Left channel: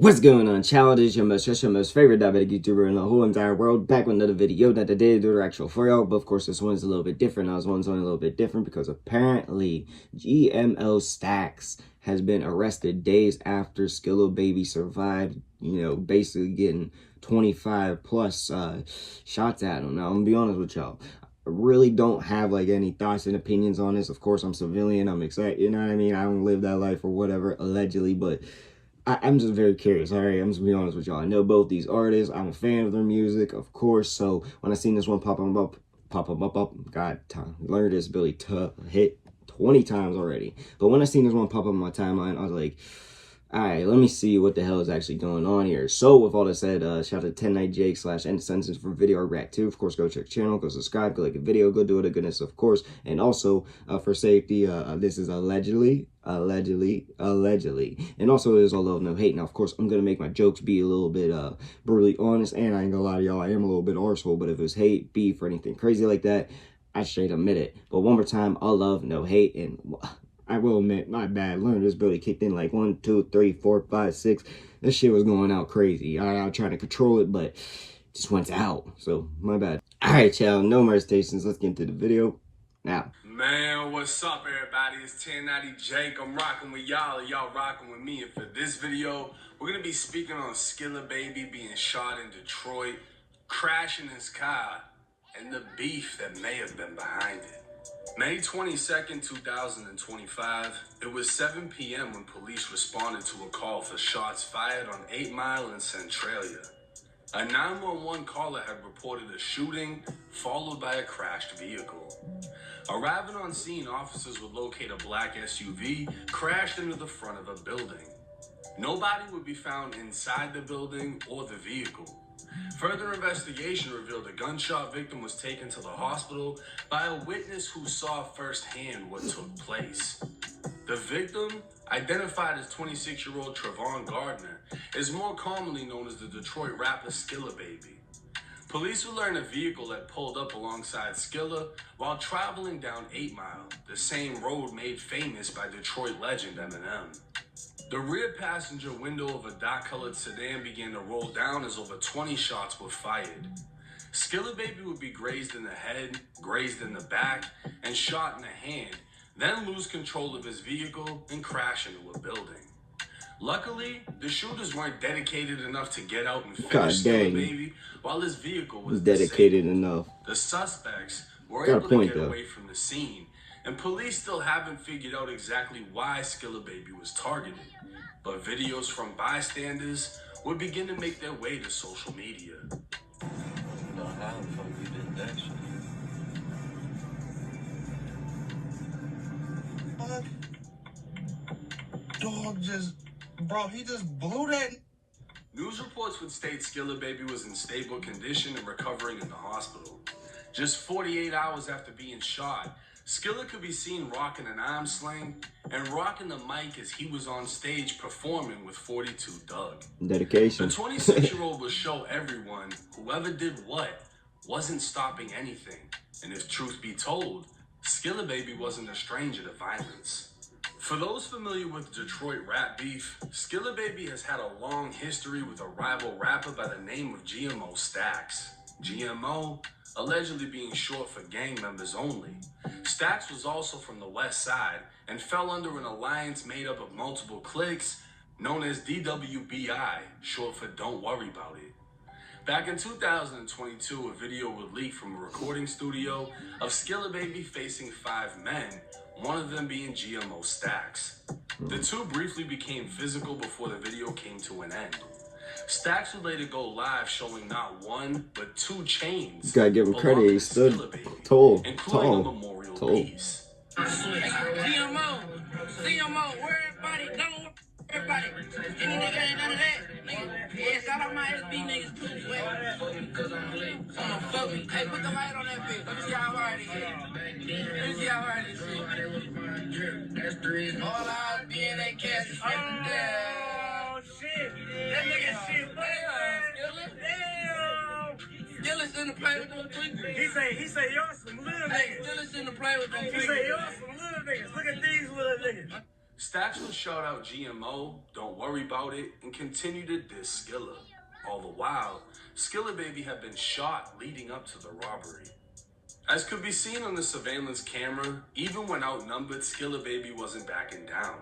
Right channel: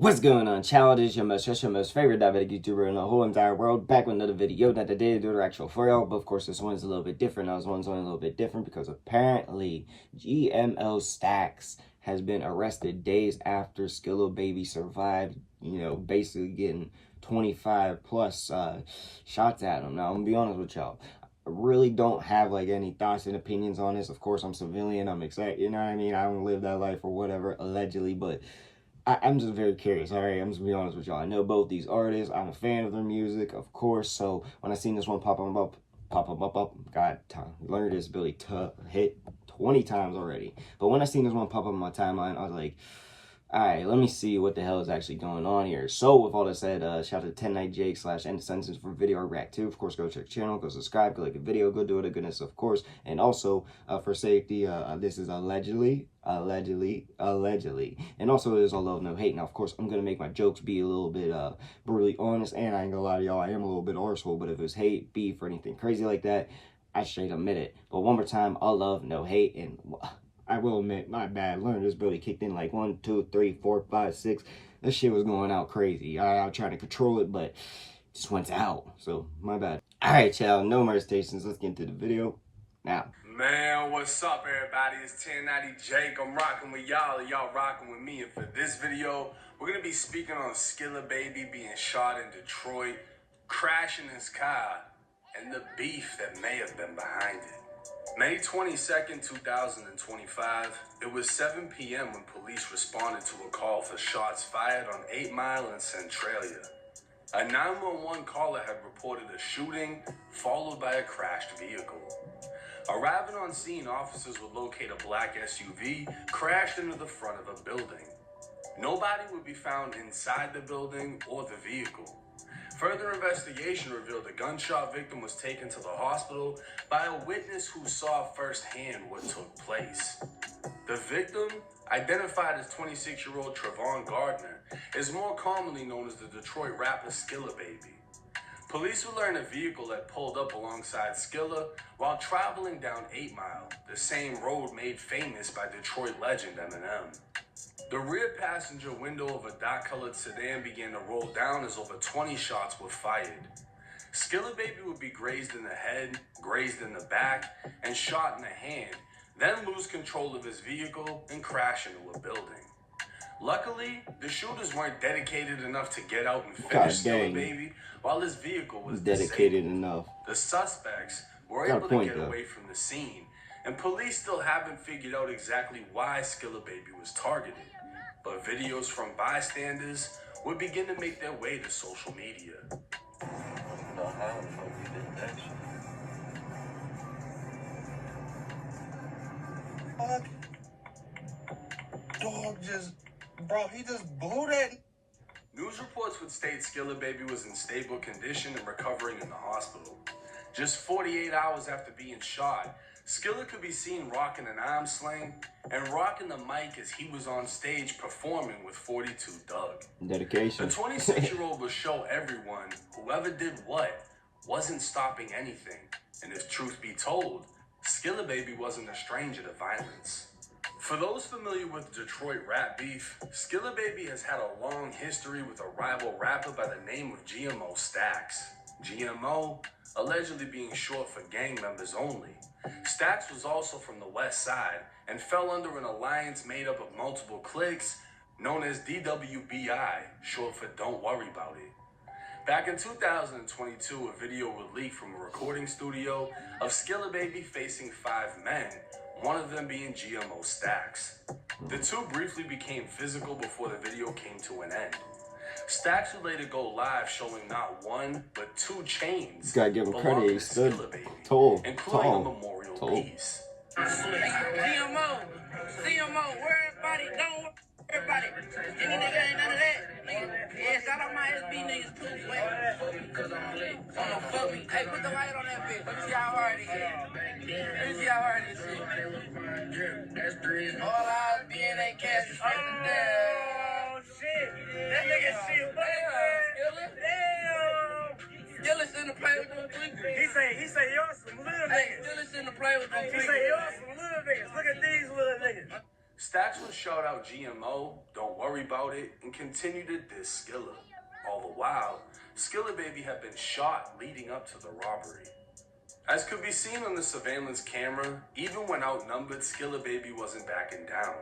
What's going on, child? It's your most favorite diabetic YouTuber in the whole entire world, back with another video. Not today to do the actual for y'all, but of course this one's a little bit different. Now this one's only a little bit different because apparently GMO Stax has been arrested days after Skilla baby survived, basically getting 25 plus shots at him. Now I'm gonna be honest with y'all. I really don't have like any thoughts and opinions on this. Of course, I'm civilian, I'm excited, you know what I mean? I don't live that life or whatever, allegedly, but I'm just very curious, all right? I'm just gonna be honest with y'all. I know both these artists. I'm a fan of their music, of course. So when I seen this one pop up, God, learned this ability to hit 20 times already. But when I seen this one pop up on my timeline, I was like, all right, let me see what the hell is actually going on here. So with all that said, shout out to 10nightjake /NSenses for video react 2. Of course, go check the channel, go subscribe, go like a video, go do it a goodness, of course. And also, for safety, this is allegedly. And also, there's a love, no hate. Now, of course, I'm going to make my jokes be a little bit brutally honest. And I ain't gonna lie to y'all, I am a little bit arsehole. But if it's hate, beef, or anything crazy like that, I straight admit it. But one more time, all love, no hate. And I will admit, my bad. Learned this ability kicked in like 1, 2, 3, 4, 5, 6. This shit was going out crazy. I tried to control it, but just went out. So, my bad. Alright, y'all. No more stations. Let's get into the video now. Man, what's up, everybody? It's 10nightjake. I'm rocking with y'all, and y'all rocking with me. And for this video, we're going to be speaking on Skilla baby being shot in Detroit, crashing his car, and the beef that may have been behind it. May 22nd, 2025, it was 7 p.m. when police responded to a call for shots fired on 8 Mile in Centralia. A 911 caller had reported a shooting, followed by a crashed vehicle. Arriving on scene, officers would locate a black SUV crashed into the front of a building. Nobody would be found inside the building or the vehicle. Further investigation revealed the gunshot victim was taken to the hospital by a witness who saw firsthand what took place. The victim, identified as 26-year-old Trevon Gardner, is more commonly known as the Detroit rapper Skilla baby. Police would learn a vehicle had pulled up alongside Skilla while traveling down 8 Mile, the same road made famous by Detroit legend Eminem. The rear passenger window of a dark-colored sedan began to roll down as over 20 shots were fired. Skilla baby would be grazed in the head, grazed in the back, and shot in the hand, then lose control of his vehicle and crash into a building. Luckily, the shooters weren't dedicated enough to get out and finish Skilla baby while his vehicle was dedicated disabled. Enough. The suspects were able to get away from the scene, and police still haven't figured out exactly why Skilla baby was targeted. But videos from bystanders would begin to make their way to social media. Dog just, bro, he just blew that. News reports would state Skilla baby was in stable condition and recovering in the hospital. Just 48 hours after being shot, Skilla could be seen rocking an arm sling and rocking the mic as he was on stage performing with 42 Doug. Dedication. The 26-year-old would show everyone whoever did what wasn't stopping anything. And if truth be told, Skilla baby wasn't a stranger to violence. For those familiar with Detroit rap beef, Skilla baby has had a long history with a rival rapper by the name of GMO Stax. GMO allegedly being short for gang members only. Stax was also from the West Side and fell under an alliance made up of multiple cliques known as DWBI, short for Don't Worry About It. Back in 2022, a video would leak from a recording studio of Skilla baby facing 5 men, one of them being GMO Stax. The two briefly became physical before the video came to an end. Stax would later go live showing not 1, but 2 chains. You gotta give him credit, he stood tall, including a memorial piece. GMO, where everybody don't, everybody. Any nigga ain't none of that, nigga. Yeah, shout out my SB niggas too. On the fuck me. Hey, put the light on that bitch. Let me see how hard it is. All our DNA cast is running down. Oh, shit. That nigga shit. Skillis in the play with them tweets. He say y'all some little niggas. Skillis in the play with them tweets. He say y'all some little niggas. Look at these little niggas. Stax would shout out GMO, don't worry about it, and continue to diss Skilla. All the while, Skilla Baby had been shot leading up to the robbery. As could be seen on the surveillance camera, even when outnumbered, Skilla Baby wasn't backing down.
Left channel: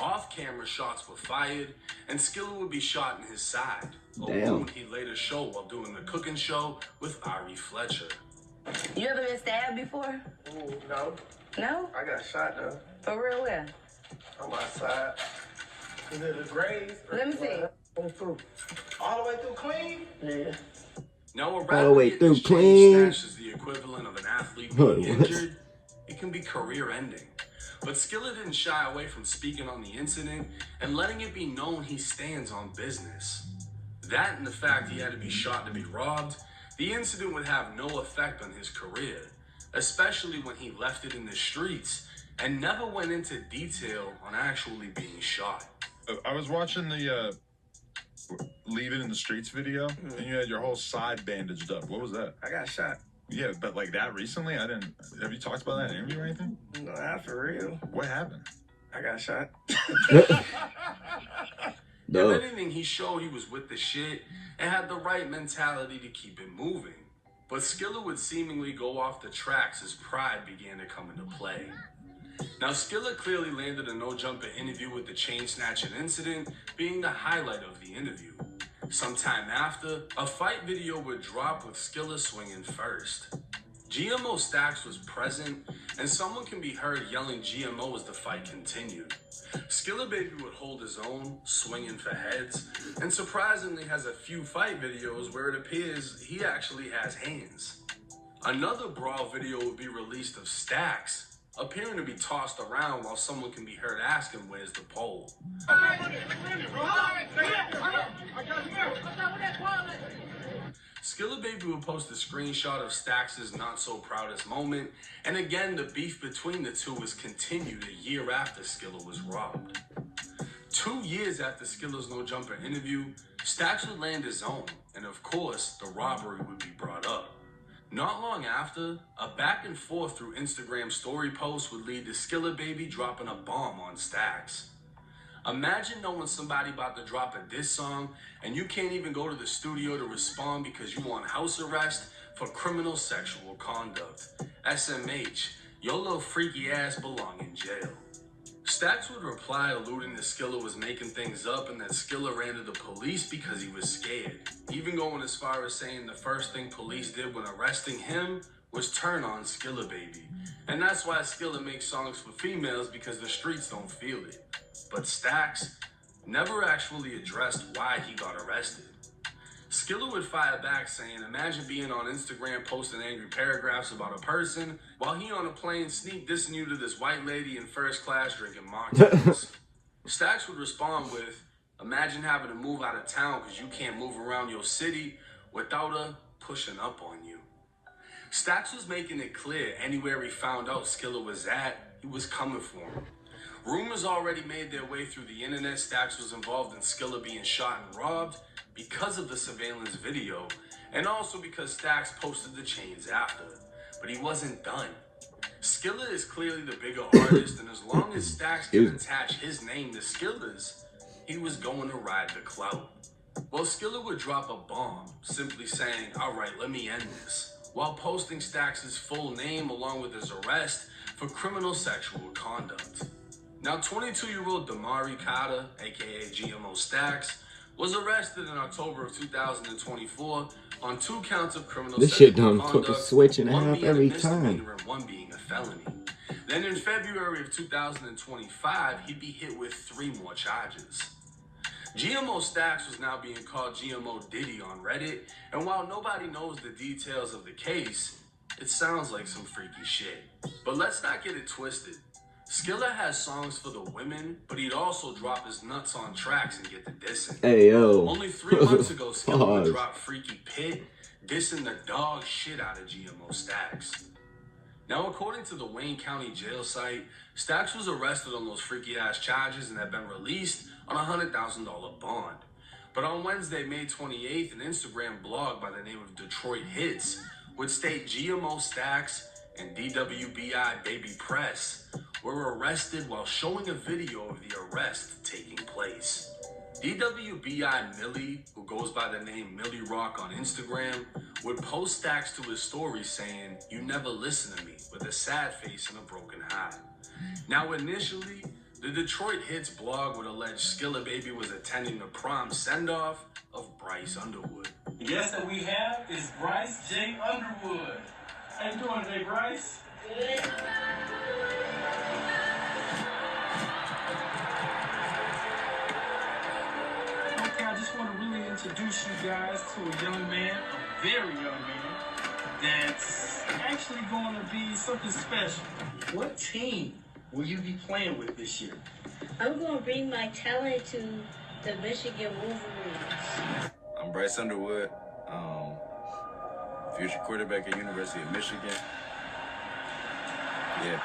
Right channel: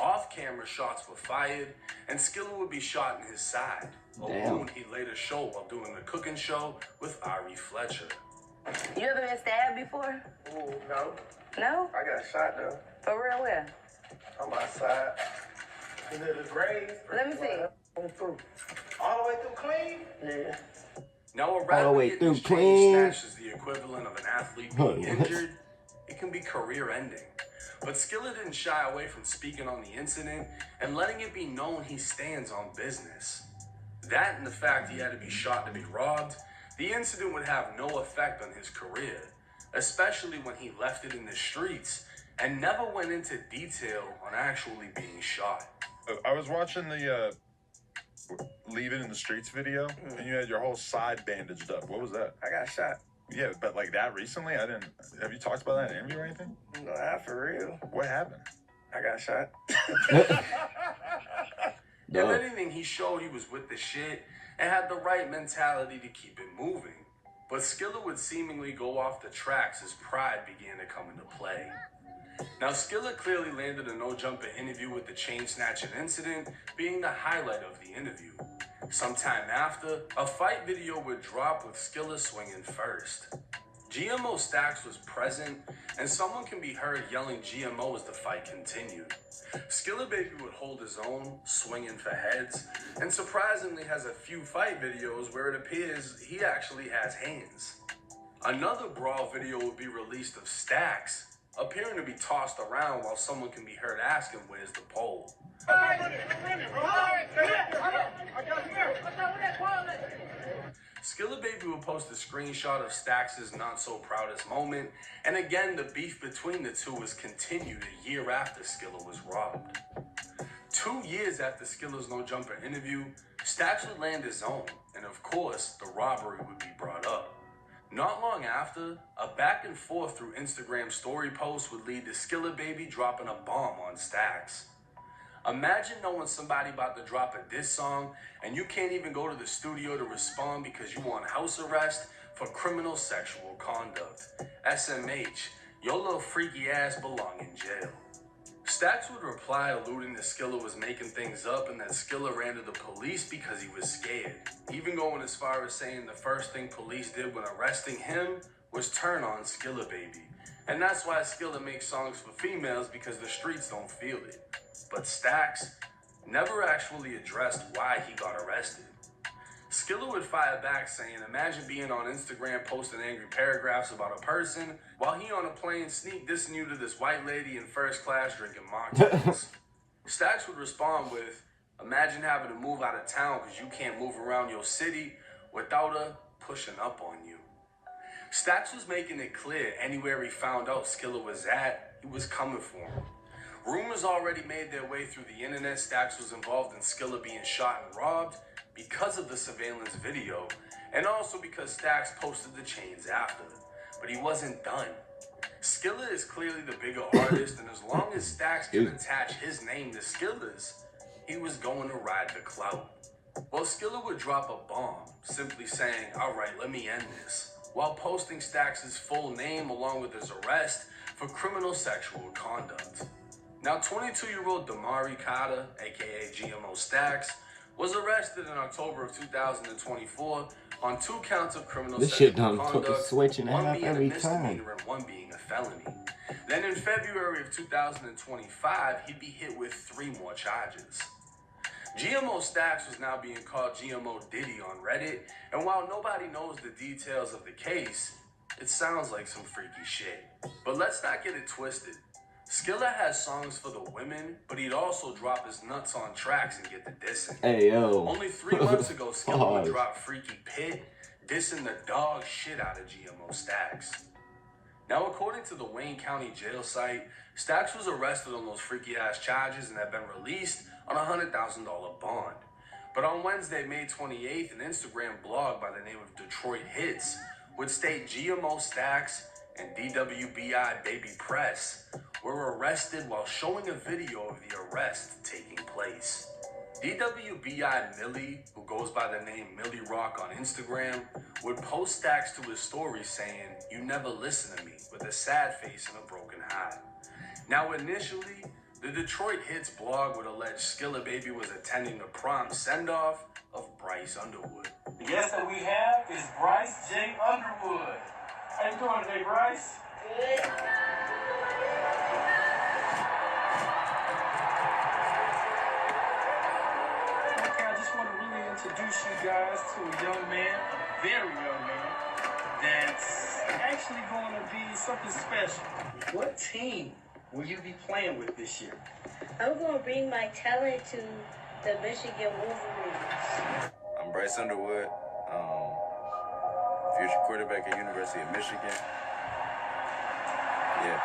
Off-camera shots were fired, and Skilla would be shot in his side. A wound he'd later show while doing the cooking show with Ari Fletcher. You ever been stabbed before? Ooh, no. No? I got shot though. For real, where? On my side. You live in Grays? Let me see. All the way through clean? Yeah. Now, All the way through clean. Stash is the equivalent of an athlete being injured. It can be career-ending. But Skilla didn't shy away from speaking on the incident and letting it be known he stands on business. That and the fact he had to be shot to be robbed, the incident would have no effect on his career, especially when he left it in the streets and never went into detail on actually being shot. I was watching the Leave It in the Streets video, and you had your whole side bandaged up. What was that? I got shot. Yeah, but like that recently? I didn't. Have you talked about that in an interview or anything? No, not for real. What happened? I got shot. If anything, he showed he was with the shit and had the right mentality to keep it moving. But Skilla would seemingly go off the tracks as pride began to come into play. Now, Skilla clearly landed a no-jumper interview with the chain-snatching incident being the highlight of the interview. Sometime after, a fight video would drop with Skilla swinging first. GMO Stax was present, and someone can be heard yelling GMO as the fight continued. Skilla Baby would hold his own, swinging for heads, and surprisingly has a few fight videos where it appears he actually has hands. Another brawl video would be released of Stax, appearing to be tossed around while someone can be heard asking where's the pole. Skilla Baby would post a screenshot of Stax's not so proudest moment, and again the beef between the two was continued a year after Skilla was robbed. 2 years after Skilla's no jumper interview, Stax would land his own, and of course the robbery would be brought up. Not long after, a back and forth through Instagram story posts would lead to Skilla Baby dropping a bomb on Stax. Imagine knowing somebody about to drop a diss song and you can't even go to the studio to respond because you want house arrest for criminal sexual conduct. SMH, your little freaky ass belong in jail. Stax would reply alluding that Skilla was making things up and that Skilla ran to the police because he was scared, even going as far as saying the first thing police did when arresting him was turn on Skilla Baby. And that's why Skilla makes songs for females, because the streets don't feel it. But Stax never actually addressed why he got arrested. Skilla would fire back saying, imagine being on Instagram posting angry paragraphs about a person while he on a plane sneak dissing you to this white lady in first class drinking mocktails. Stax would respond with, imagine having to move out of town because you can't move around your city without her pushing up on you. Stax was making it clear anywhere he found out Skilla was at, he was coming for him. Rumors already made their way through the internet Stax was involved in Skilla being shot and robbed because of the surveillance video, and also because Stax posted the chains after. But he wasn't done. Skilla is clearly the bigger artist, and as long as Stax could attach his name to Skilla's, he was going to ride the clout. Well, Skilla would drop a bomb, simply saying, alright, let me end this, while posting Stax's full name along with his arrest for criminal sexual conduct. Now, 22-year-old Damari Carter, aka GMO Stax, was arrested in October of 2024 on 2 counts of criminal this sexual shit done conduct, took a switch and a one half being every misdemeanor time. and one being a felony. Then in February of 2025, he'd be hit with 3 more charges. GMO Stax was now being called GMO Diddy on Reddit, and while nobody knows the details of the case, it sounds like some freaky shit. But let's not get it twisted. Skilla has songs for the women, but he'd also drop his nuts on tracks and get the dissing. Hey, yo. Only 3 months ago, Skilla would drop Freaky Pit, dissing the dog shit out of GMO Stax. Now, according to the Wayne County jail site, Stax was arrested on those freaky-ass charges and had been released on a $100,000 bond. But on Wednesday, May 28th, an Instagram blog by the name of Detroit Hits would state GMO Stax and DWBI Baby Press were arrested while showing a video of the arrest taking place. DWBI Millie, who goes by the name Millie Rock on Instagram, would post Stax to his story saying, "You never listen to me," with a sad face and a broken heart. Now, initially, the Detroit Hits blog would allege Skilla Baby was attending the prom send-off of Bryce Underwood. The guest that we have is Bryce J. Underwood. How you doing today, Bryce? Good. Okay, I just want to really introduce you guys to a young man, a very young man, that's actually going to be something special. What team will you be playing with this year? I'm going to bring my talent to the Michigan Wolverines. I'm Bryce Underwood, future quarterback at University of Michigan. Yeah.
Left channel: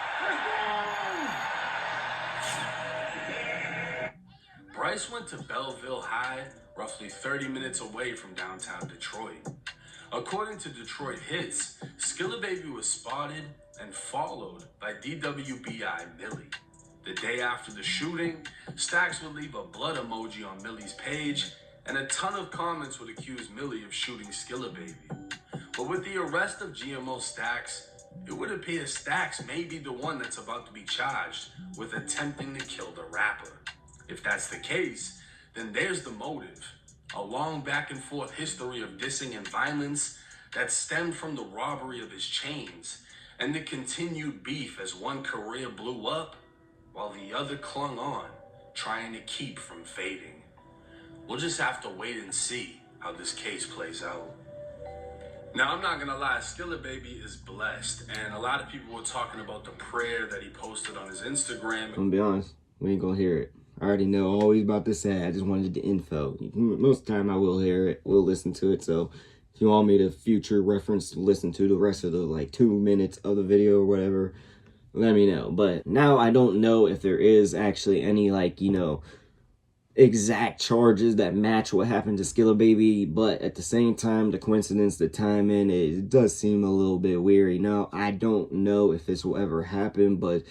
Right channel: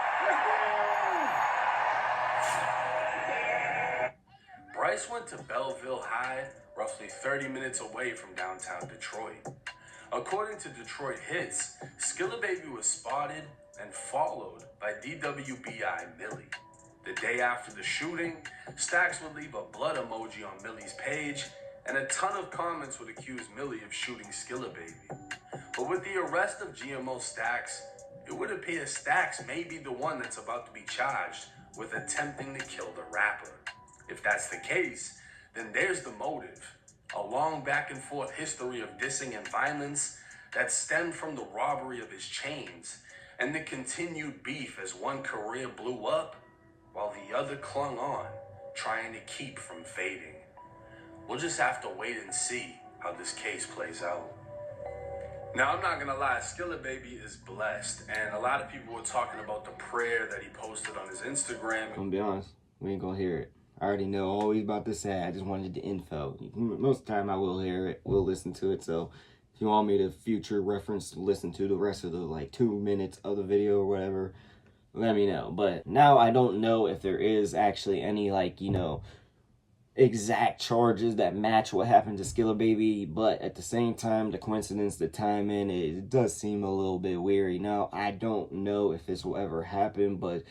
Bryce went to Belleville High, roughly 30 minutes away from downtown Detroit. According to Detroit Hits, Skilla Baby was spotted and followed by DWBI Millie. The day after the shooting, Stax would leave a blood emoji on Millie's page, and a ton of comments would accuse Millie of shooting Skilla Baby. But with the arrest of GMO Stax, it would appear Stax may be the one that's about to be charged with attempting to kill the rapper. If that's the case, then there's the motive. A long back and forth history of dissing and violence that stemmed from the robbery of his chains and the continued beef as one career blew up while the other clung on, trying to keep from fading. We'll just have to wait and see how this case plays out. Now, I'm not gonna lie, Skilla Baby is blessed, and a lot of people were talking about the prayer that he posted on his Instagram. I'm gonna be honest, we ain't gonna hear it. I already know always about this ad. I just wanted the info. Most of the time I will hear it, we'll listen to it. So if you want me to future reference listen to the rest of the like 2 minutes of the video or whatever, let me know. But now I don't know if there is actually any like, you know, exact charges that match what happened to Skilla Baby, but at the same time, the coincidence, the timing, it does seem a little bit weird. Now, I don't know if this will ever happen, but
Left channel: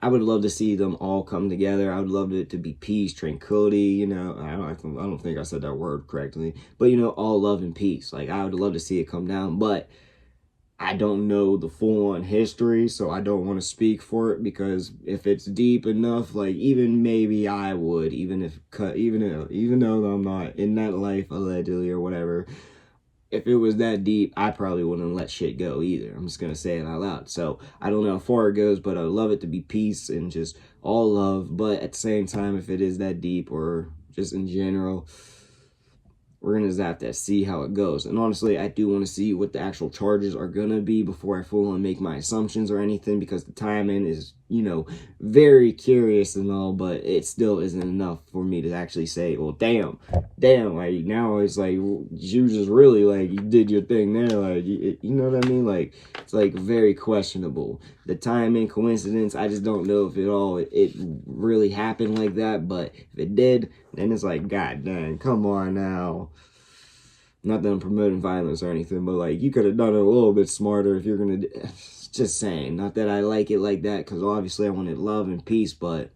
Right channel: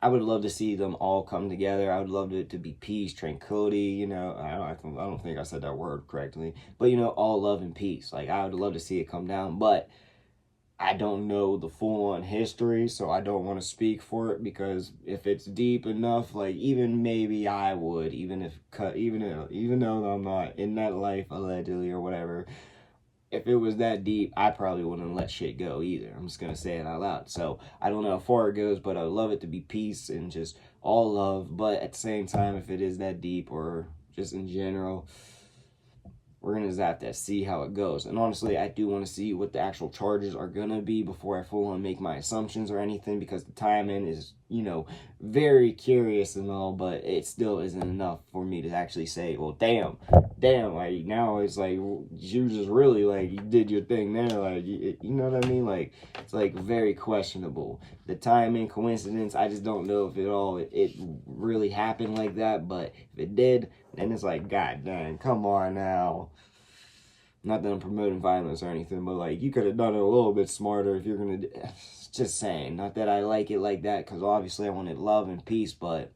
I would love to see them all come together. I would love it to be peace, tranquility, you know. I don't think I said that word correctly, but you know, all love and peace. Like, I would love to see it come down, but I don't know the full-on history, so I don't want to speak for it, because if it's deep enough, like, even maybe I would, even though I'm not in that life allegedly or whatever, if it was that deep, I probably wouldn't let shit go either. I'm just gonna say it out loud. So I don't know how far it goes, but I would love it to be peace and just all love. But at the same time, if it is that deep or just in general, we're going to just have to see how it goes. And honestly, I do want to see what the actual charges are going to be before I full on make my assumptions or anything, because the timing is, you know, very curious and all, but it still isn't enough for me to actually say, well, damn, like, now it's like, you just really, like, you did your thing there, like, you know what I mean? Like, it's, like, very questionable. The timing, coincidence, I just don't know if it really happened like that, but if it did, then it's like, god dang, come on now. Not that I'm promoting violence or anything, but, like, you could have done it a little bit smarter if you're gonna just saying. Not that I like it like that, because obviously I wanted love and peace, but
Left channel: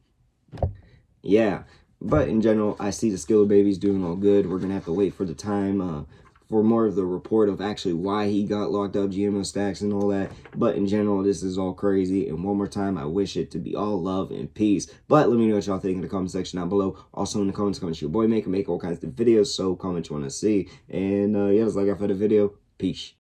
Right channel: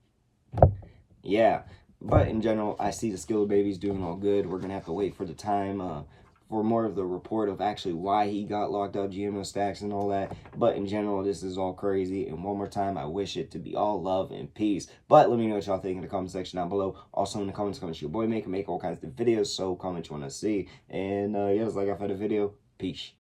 yeah. But in general, I see the Skilla Baby's doing all good. We're gonna have to wait for the time for more of the report of actually why he got locked up, GMO Stax and all that. But in general, this is all crazy. And one more time, I wish it to be all love and peace. But let me know what y'all think in the comment section down below. Also in the comments, your boy make all kinds of videos, so comment you want to see. And yeah, that's like I for the video. Peace.